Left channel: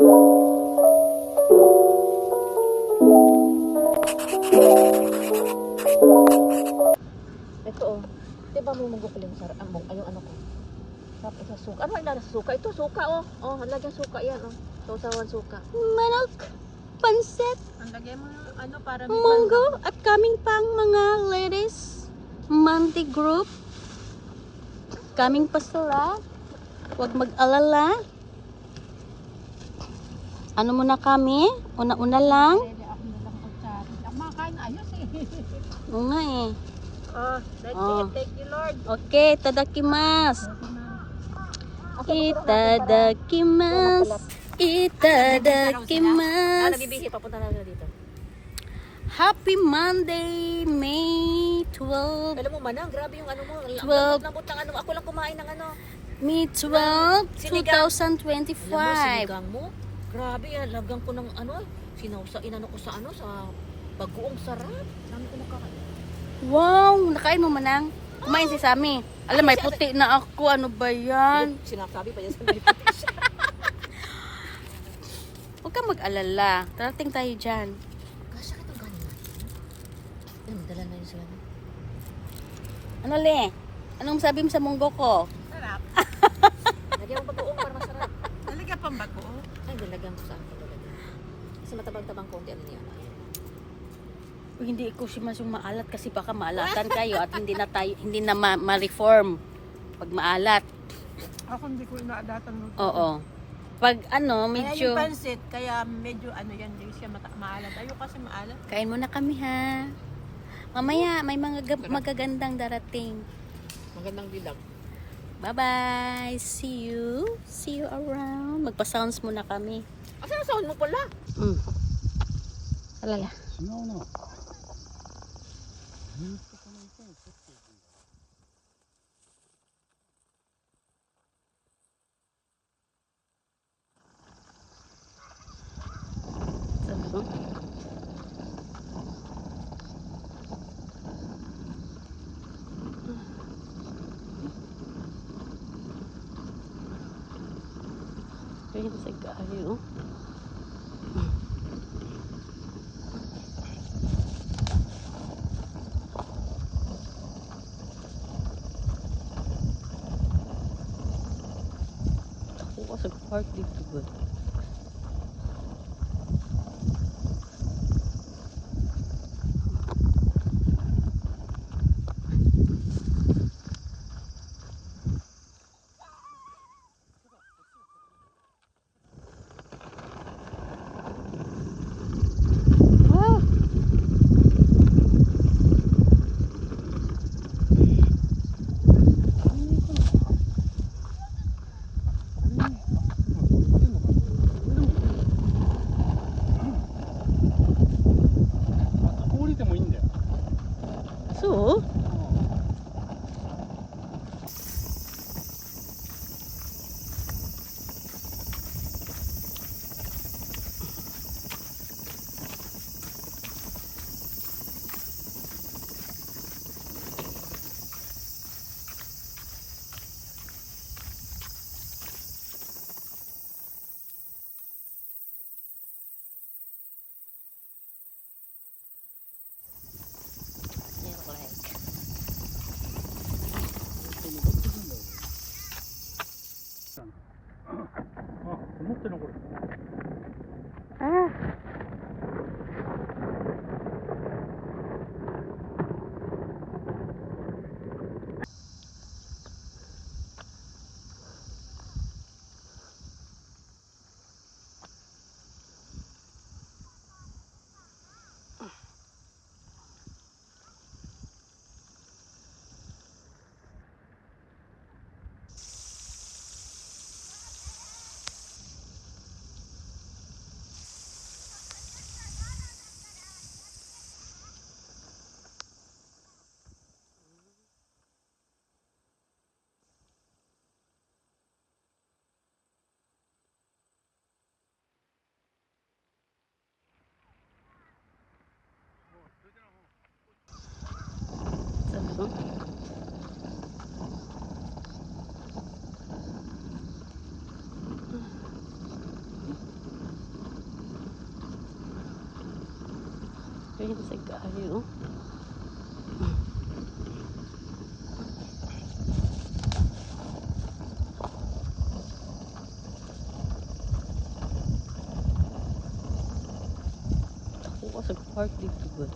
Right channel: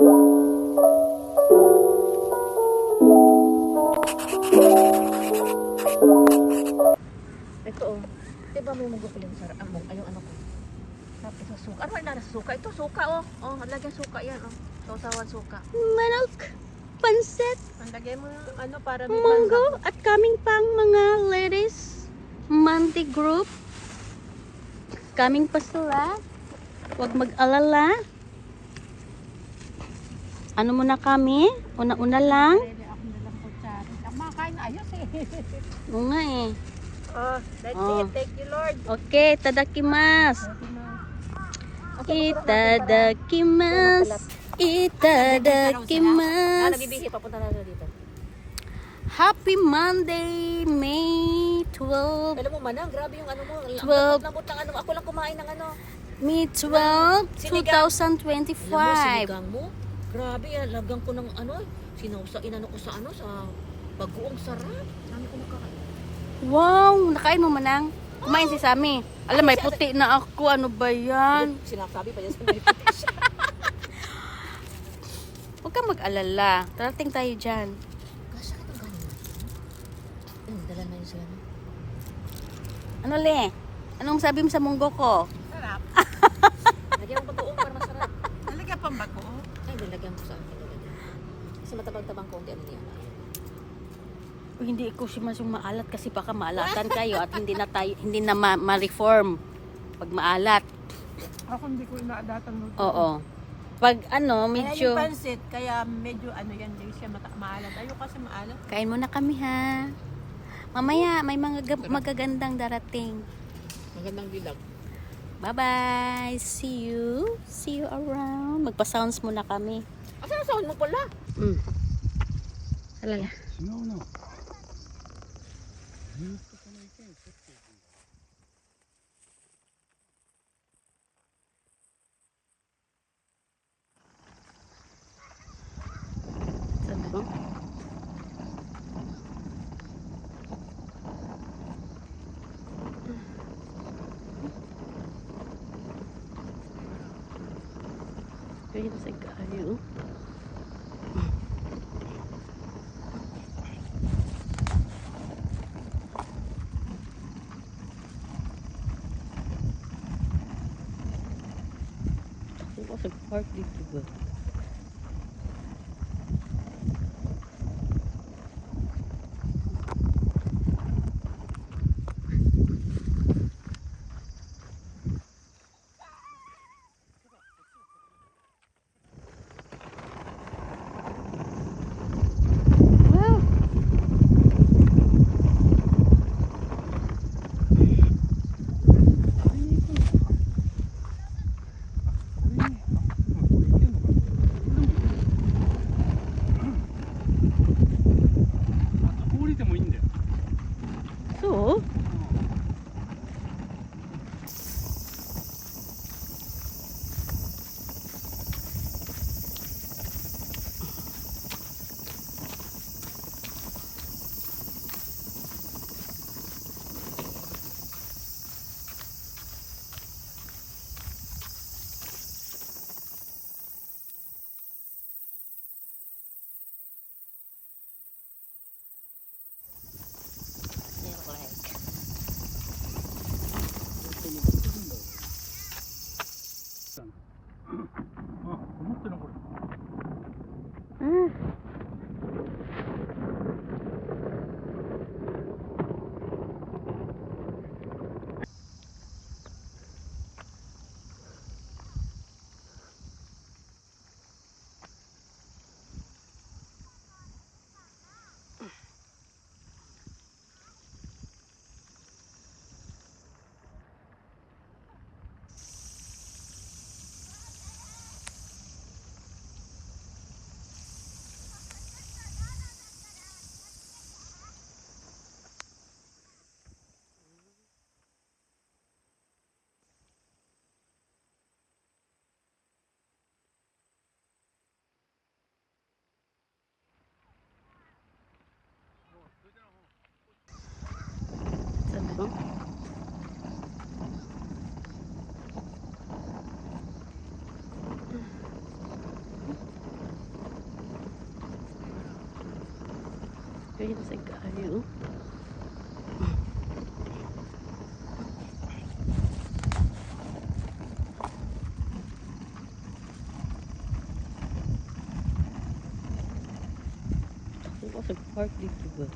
Ito oh. Diba may magukuling sarap ang ayong ano ko. Sarap ito suka. Ano ay suka? Ito suka oh. Oh, lagyan suka yan oh. Sausawan suka. Manok, pansit, Lagay mo yung ano para munggo, at kaming pang mga ladies, Monty Group. Kaming pa sila. Huwag mag-alala. Ano muna kami? Una-una lang. Pwede ako na lang kutsari. Ako makakain na ayos eh. Oo nga eh. Oh, that's Oh. it. Thank you Lord. Okay, tadakimasu. Itadakimasu. Itadakimasu. Happy Monday, May 12. Alam mo ba na, grabe yung ano mo. 12. Ano, ako lang kumain ng ano. May 12, Sinigang 2025. mo? Grabe, lagyan ko ng ano, inano ko sa ano, sa bagoong sarap. Dami ko nakakain. Wow, nakain mo manang. Kumain si Sammy. Alam, may puti na ako. Ano ba yan? Sinasabi pa niya sa mga Huwag kang mag-alala. Tarating tayo dyan. dala na yun siya. Ano le? Anong sabi mo sa munggo ko? Sarap. Lagyan mo bagoong para masarap. Talaga pang bako? Ay, nalagyan ko sa ano. Sa matabang-tabang konti ano yun. Hindi ko maalat kasi baka maalatan kayo at hindi na ma-reform pag maalat. Ako hindi ko naadatan mo. Oo. Pag ano, Kaya medyo yung pansit, kaya medyo ano yan, hindi siya maalat. Ayaw kasi maalat. kain muna kami ha. Mamaya may mga magagandang darating. Magandang bilag. Bye-bye. See you. See you around. Magpa-sounds muna kami. Asasawan mo pala. Alala. Ano bang? Ayun sa kayo. Ako sa park dito ba? So, ano bang? Kaya sa kaayo. Ako sa park dito ba?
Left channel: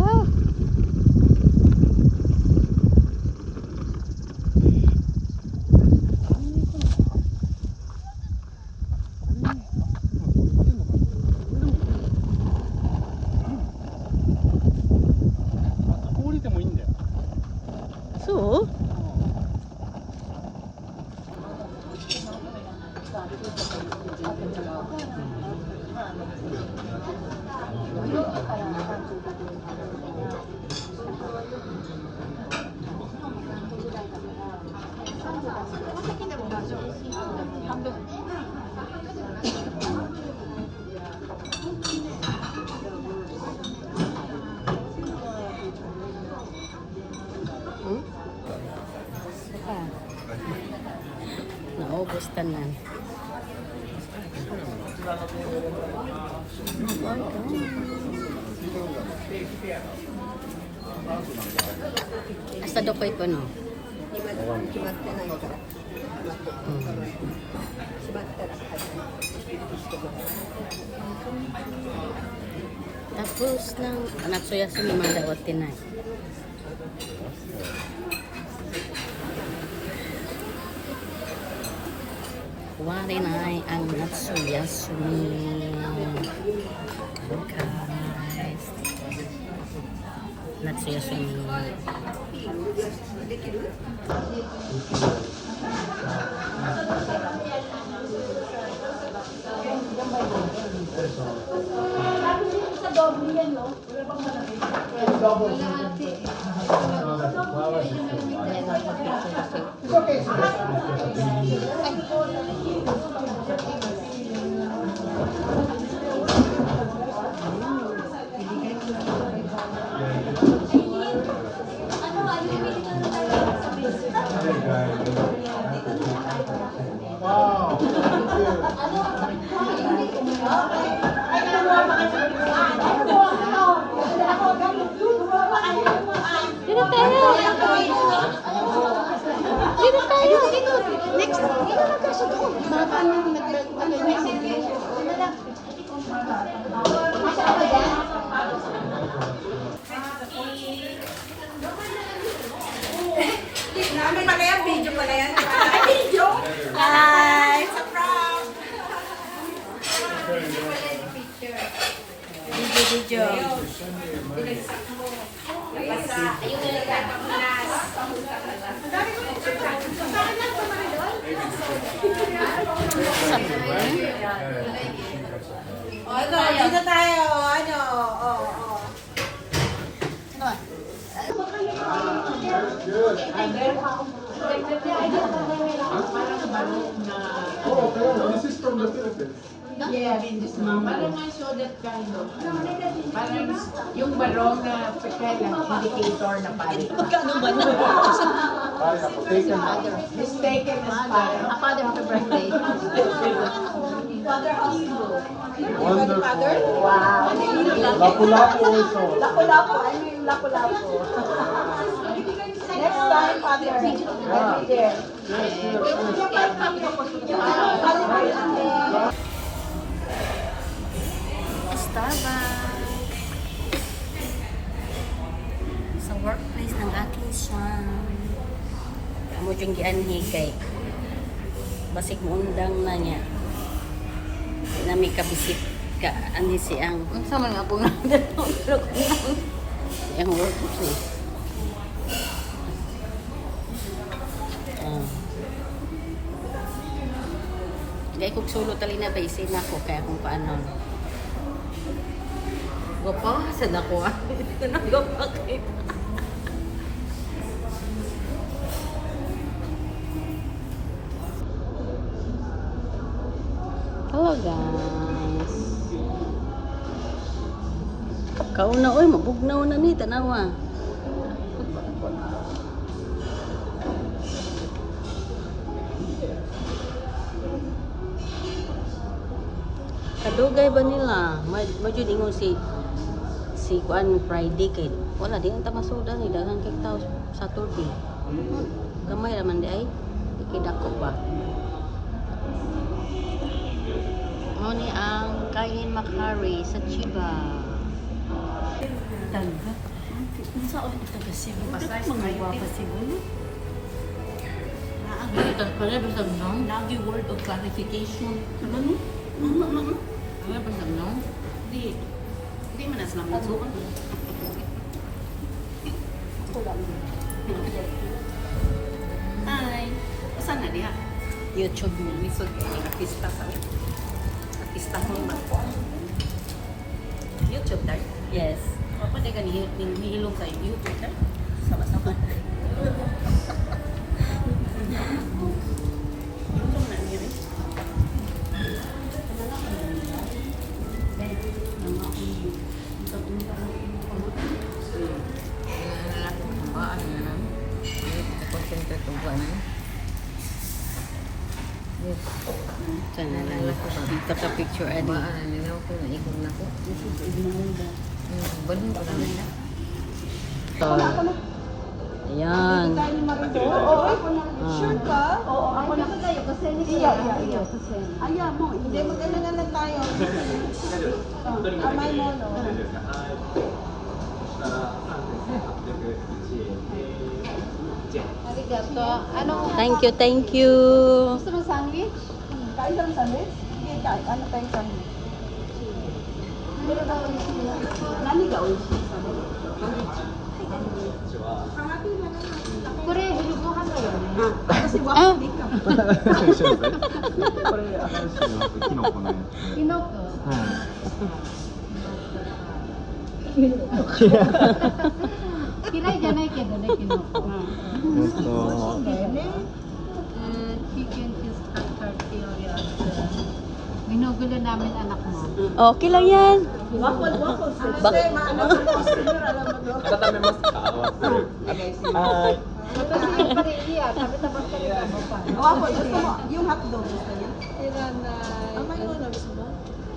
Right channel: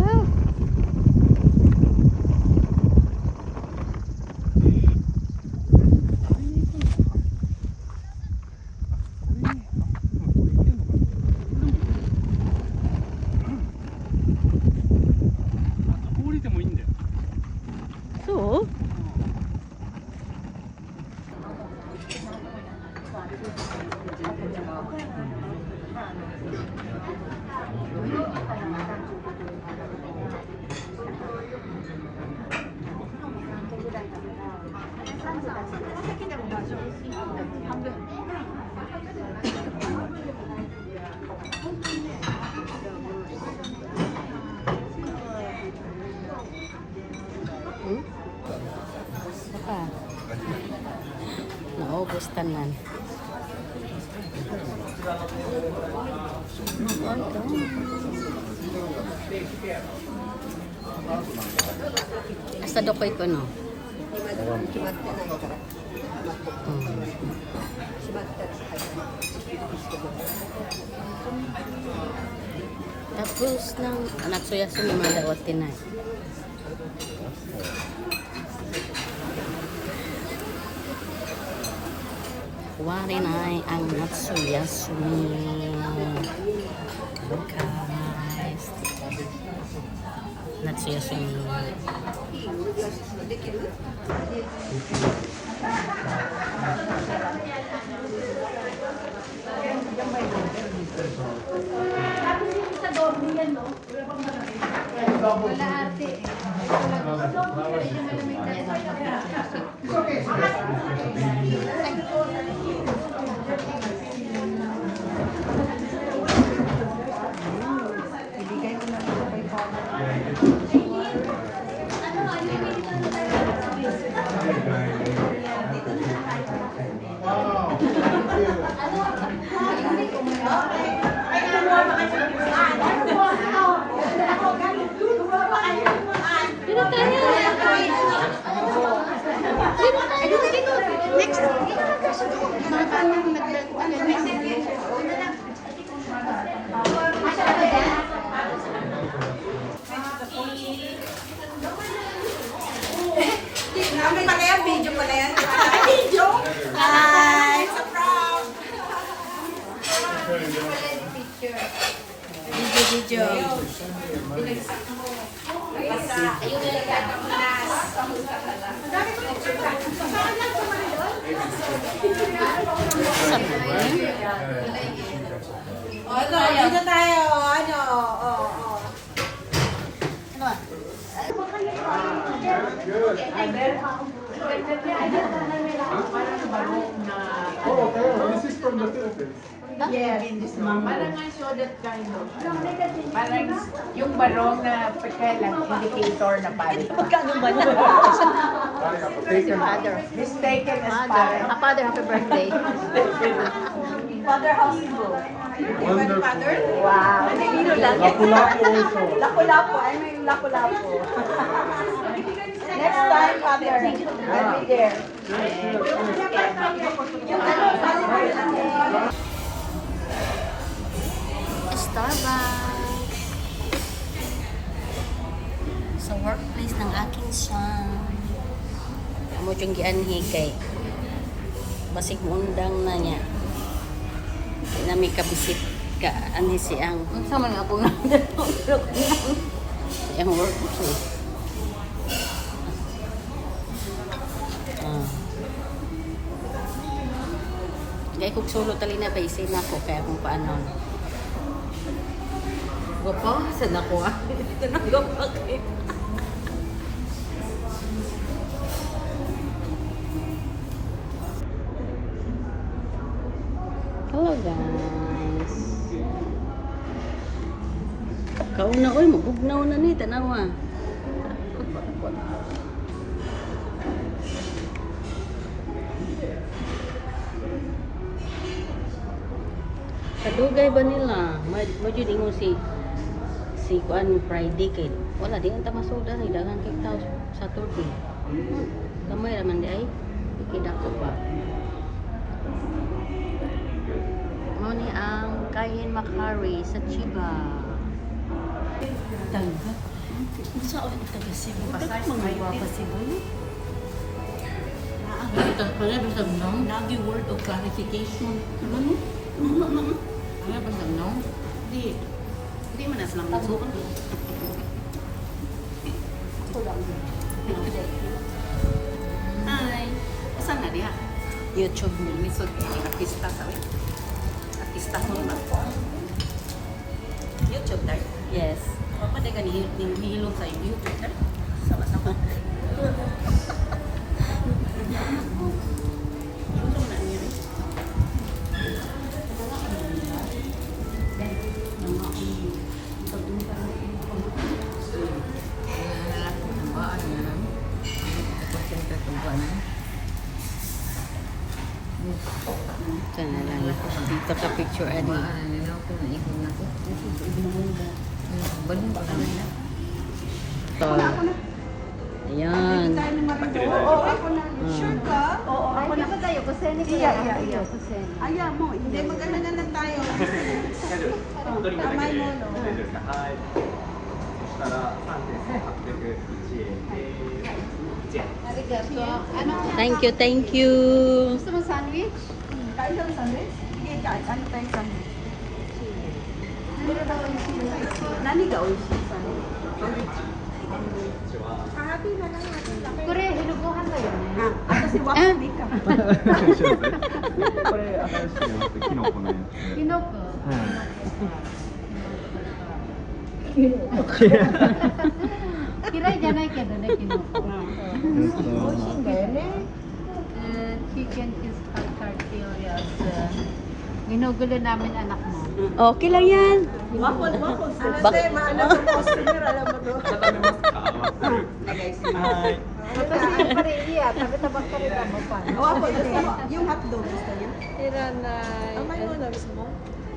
Wow! So? Naubos ka nun. Basta dokoy ko no. Tapos lang anak suya sumimada o tinay. Wari na ay ang natsuyas niya. Guys. Natsuyas niya. Dito tayo! Dito tayo! Next! Ano pala yan? Video pala yan? Video? Hi! Video. Sabi Dito tayo. Ano? This is from the Philippines. Yes, parang nga so that kind of. Parang yung barong na pekelang indicator na pare. Magkano ba na? Mistaken as pare. Father, happy birthday. Father House Bro. Wonderful. Wow. Lapu-lapu also. Lapu-lapu. I mean lapu-lapu. Next time, Father, I'll be there. Starbucks. Sa workplace ng aking son. Amo yung gianhi kay basig mo undang na niya. Nga may kabisik ka ani siyang sama na ako ang work siya. Kaya kung solo tali na ba isin ako kaya kung paano. Saan ako? Hello. Hello guys. Kauna oy, mabugnaw na ni tanawa. Kadugay ba nila? Medyo dingon si kuan Friday kay wala di ang tamasuda ni daghang kay tao Saturday. Gamay raman di ay ikidako ba. Mo ni ang Kayin Makari sa Chiba. Sa on taga Cebu. Daghan mga guwapa Cebu. Kaya bisa nang lagi word of clarification. Ano ba nang? Di man as lang mo. Hi. Saan na diha? YouTube mo. Misod artista sa artista ko ba? YouTube dahil? Yes. Pwede ka nihilong sa YouTube dahil? Sama-sama. YouTube na niya eh. Dito ka picture ano. Ayan. Ayaw mo, hindi mag-alala lang tayo. Amay mo, no? Thank you, thank you. Gusto mo sandwich? Kain ka ng sandwich? Sige, kain. Ano tayong sandwich? Nani ka ulit? Kore, hilubuhan mo yun. Kasi waffle ka. これ、キノコのやつ。 Kinoko. 嫌いじゃないけどね、キノコ。Chicken is tortillas. Ginugulo namin anak mo. Okay lang yan. Waffle. Yung hotdog gusto niyo?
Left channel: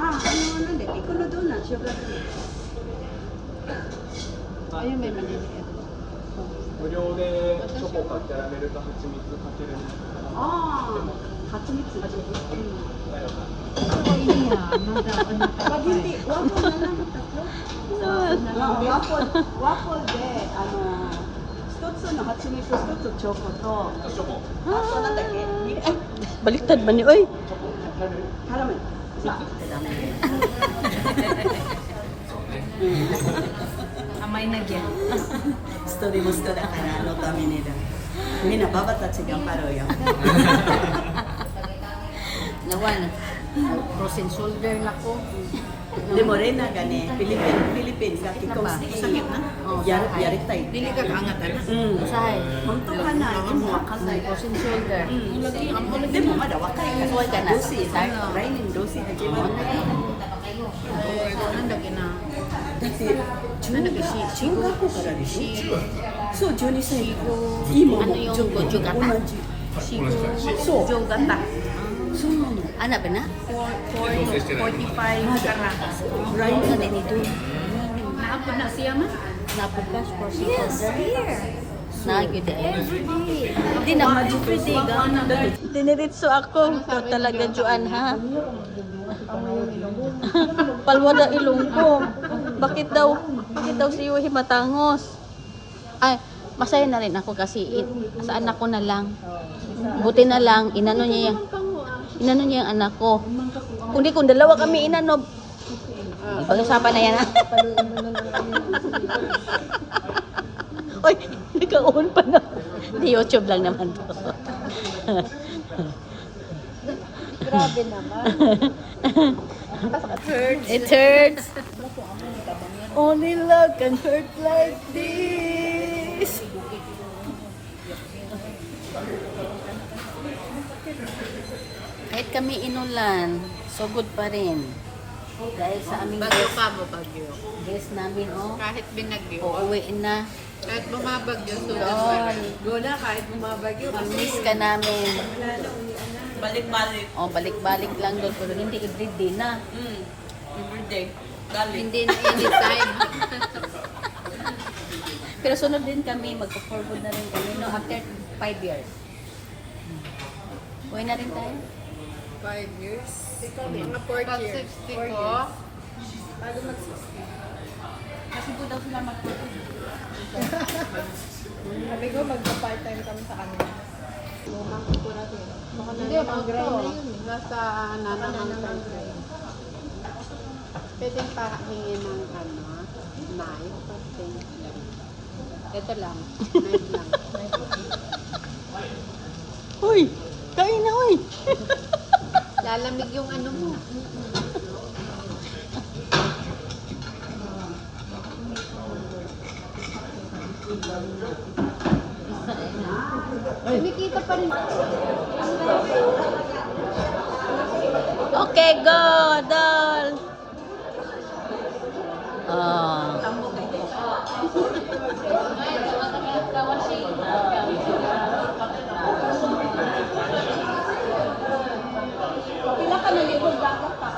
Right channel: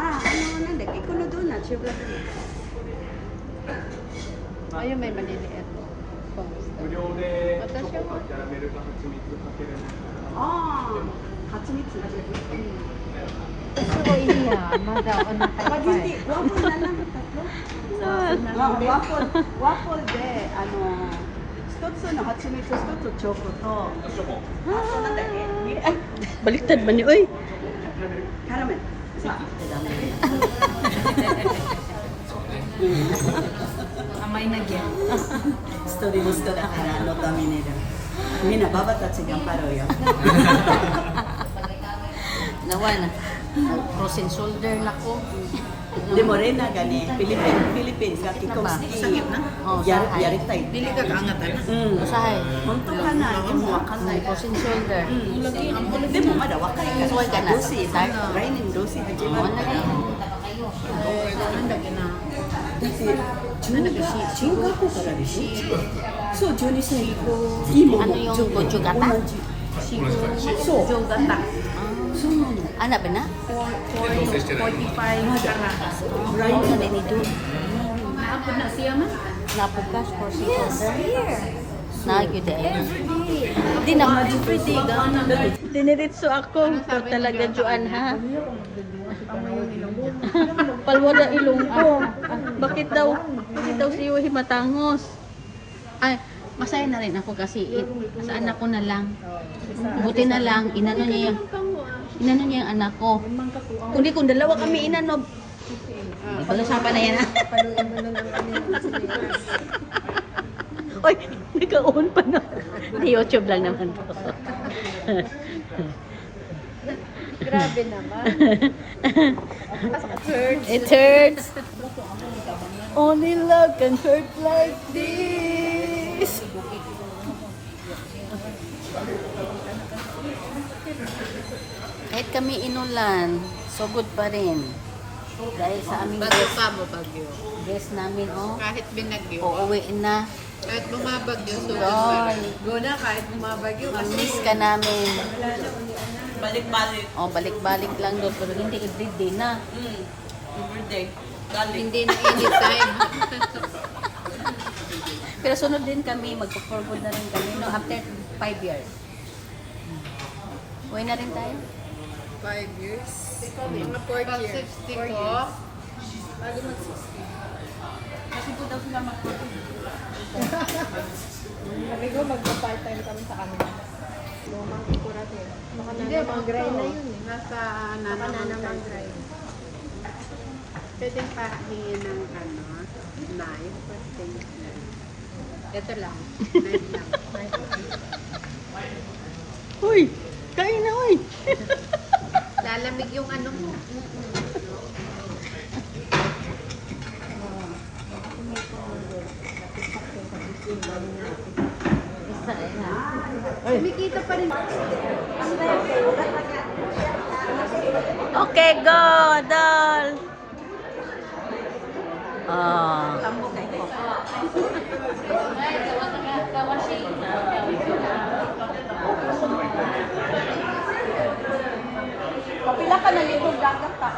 Ano na, ikulo doon na, sugar free. Ayun, may maliliit. 無料でチョコかキャラメルか蜂蜜かける。蜂蜜。 Pag hindi, waffle na lang tatlo. Waffle de, ano, 一つの蜂蜜、一つチョコと、 Ay, baliktad ba ni oy? キャラメル。さあ。 Amay na gyud. Gusto din mo sa kaya kami nila. Hindi na babat at sigaw karayo. Gawa na. Frozen shoulder na ko. De Morena gani, Philippines, laki ko sakit na. Yari tayo. Dili ka kaangat ano? Sahay. Honto ka na, di mo wakala. Frozen shoulder. De mo mada wakay ka. Dosi, rainin dosi na jiwa. Ano yung gojo gata? Ano ba na? Napagas po si Father. Nagyo din. Hindi na. Diniritso ako. Ito talaga Juan ha. Palwada ilong ko. Bakit daw si Yuhi matangos? Ay, masaya na rin ako kasi sa anak ko na lang. Buti na lang, inano niya yung anak ko. Kundi kung dalawa kami inano, pag-usapan na yan ha. Oy, nagka-on pa na. Di YouTube lang naman to. Grabe naman. It hurts. Only love can hurt like this. Kahit kami inulan, Sugod pa rin. Dahil sa aming Bago guest, pa mo bagyo. guest namin, oh. Kahit binagyo. Uuwiin na. Kahit bumabagyo. Doon. Go na kahit bumabagyo. Miss ka namin. Balik-balik. Oh, balik-balik lang doon. Pero hindi everyday na. Everyday. Hindi na anytime. Pero sunod din kami, magpo-forward na rin kami. No, after 5 years. Uwi na rin tayo. 5 years. Mga 4 years. 4 years. Kasi po daw sila Kami ko mag-part-time kami sa kanila. Lumang ko natin. Baka nanamang-grind na yun eh. Nasa Baka nanamang nanamang-grind. Pwede pa hingin ng knife. Thank you. Ito lang. Knife lang. Uy! Kain na, uy! Lalamig yung ano mo. Kumikita pa rin. Okay, go, doll! Oh. Kapila ka na libog dagat ka.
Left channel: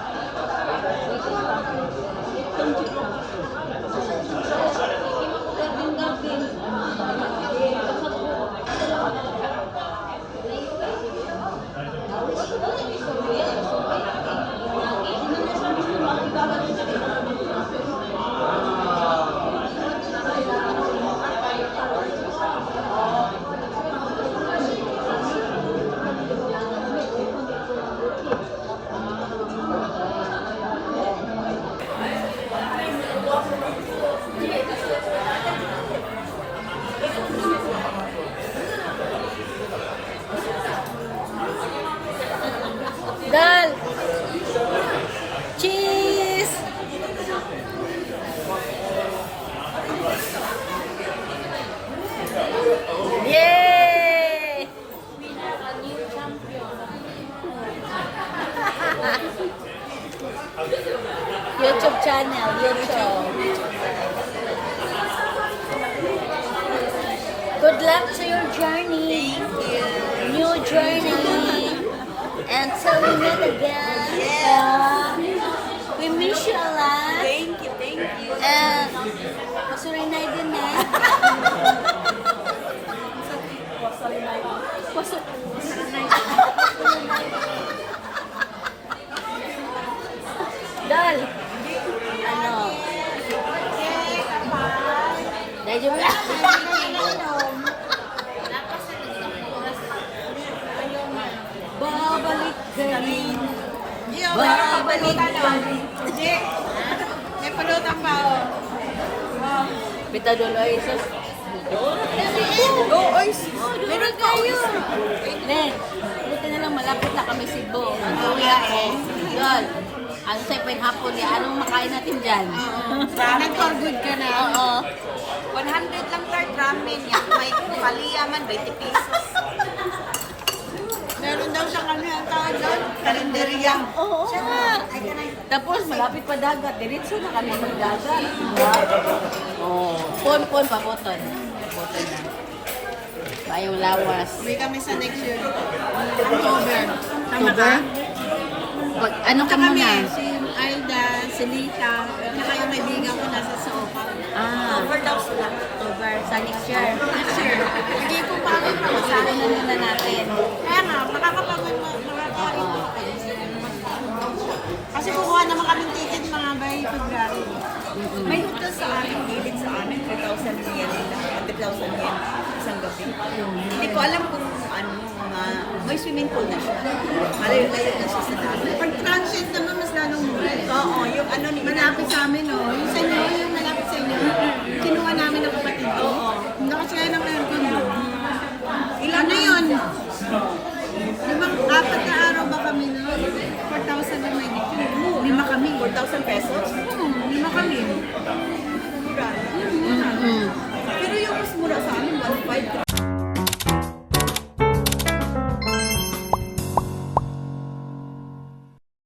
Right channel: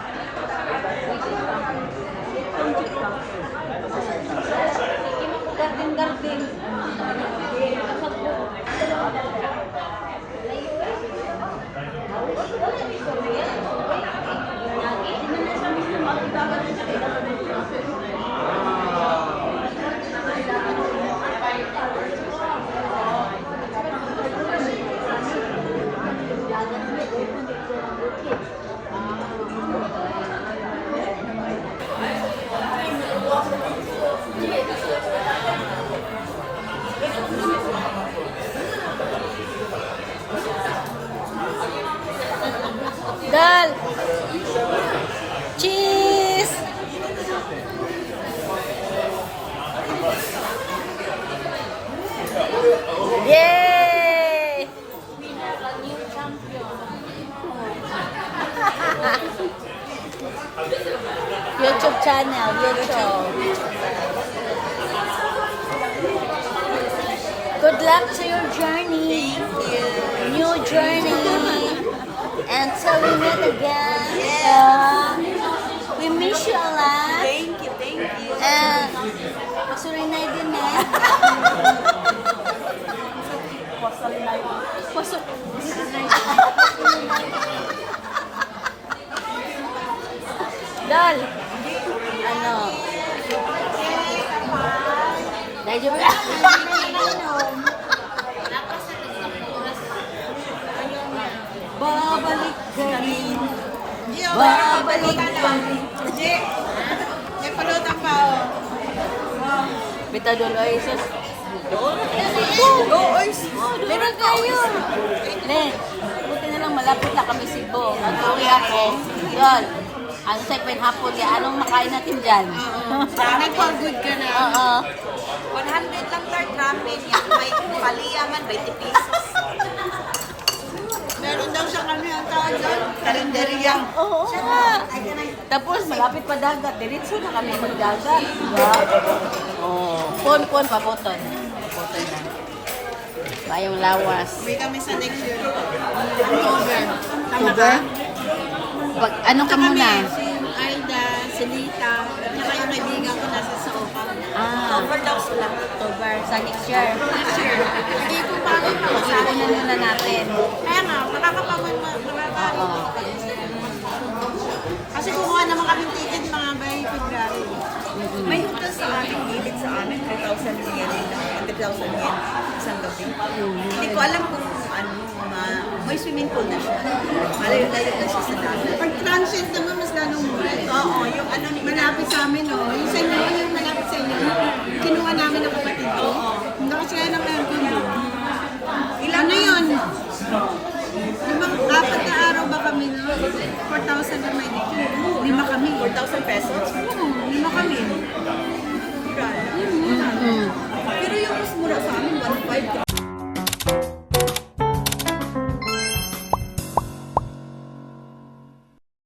Doll! Cheese! Yay! YouTube channel, YouTube. Good luck to your journey. New journey. Until we meet again. We miss you a lot. Thank you, thank you. And Surinay din eh. Pusok. Dol. Ano? Medyo babalik ka rin. Babalik ka rin. Bita doon, ay, sus. Go, oys. Meron ka, oys. Eh, buti na lang, malapit na kami Cebu. Ang uli ako, yun. Ano sa'yo pa hapon, anong makain natin dyan? May for good ka na. Oo. 100 lang tart ramen yan. May paliyaman, 20 pesos. Meron daw siya kami ang tawag doon. Kalendaryang. Oo. Tapos, malapit pa dagat. Diretso na kami magdagat. Oo. Pon, paboton. Paboton yan. Ayaw lawas. May kami sa next year. Sugar? Pag, ano ka muna? Si Aida, si Lita, at saka yung naibigan ko nasa sa Opa. Ah. Opa daw sila. October, sa next year. Hindi ko pa rin pag-usahan na nila natin. Kaya nga, kasi kukuha naman kami ticket mga by February. May hotel sa amin, gilid sa amin, 3,000 yen, 3,000 yen, isang gabi. Hindi ko alam kung ano, may swimming pool na siya. Malayo-layo na siya sa dagat. Pag transient naman, mas ganun mo. Oo, yung ano, inapit sa amin yun. Yung sa inyo, yung malapit sa inyo. Kinuha namin ng kapatid ko. Oo. Nakasila ng aircon yun. Ilan na yun? Limang apat na araw ba kami na? 4,000 na may dito. Lima kami. 4,000 pesos? Oo, lima kami. Pero yung mas mura sa amin, 1,500.